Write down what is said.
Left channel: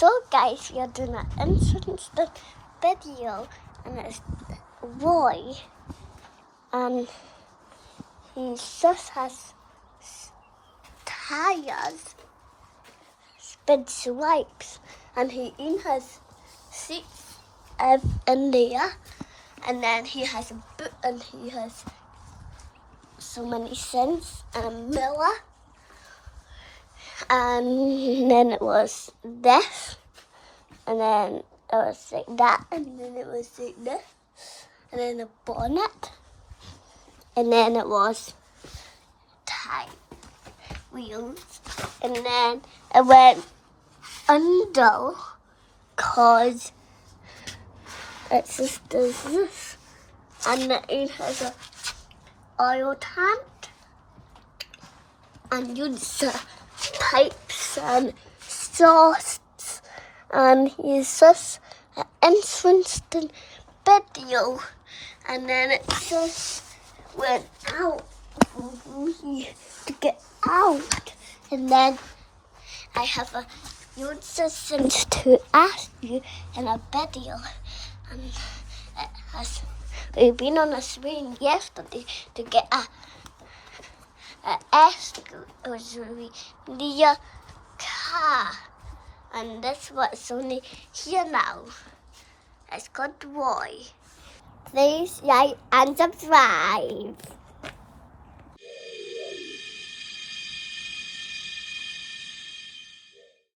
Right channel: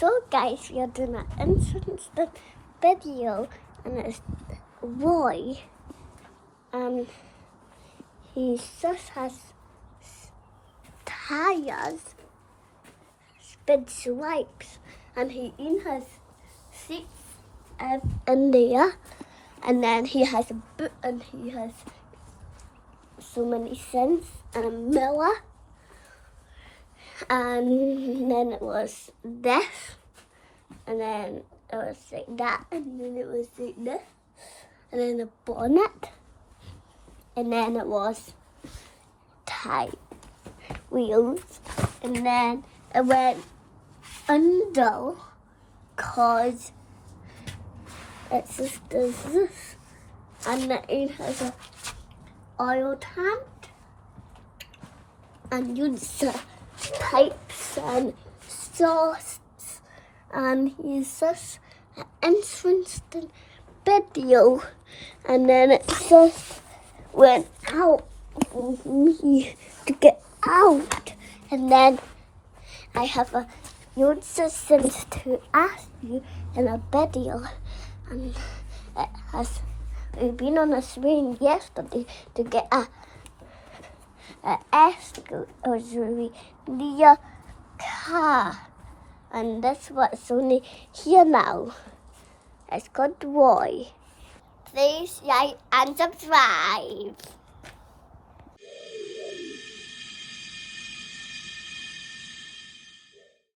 So guys, we are doing an instant video, and it's a boy, and he just has tires, spin swipes, and he even has seats in there, and then he has a boot, and he has so many cents and a mirror. And then it was this, and then it was like that, and then it was like this, and then a bonnet, and then it was tire wheels, and then it went under cause it just does this, and then it has a oil tank, and uses pipes and sauce, and he's just an instant video, and then it just went out for me to get out, and then I have a suggestion to ask you in a video, and we've been on a swing yesterday to get a SUV near car, and that's what's only here now. It's called Boy. Please like and subscribe.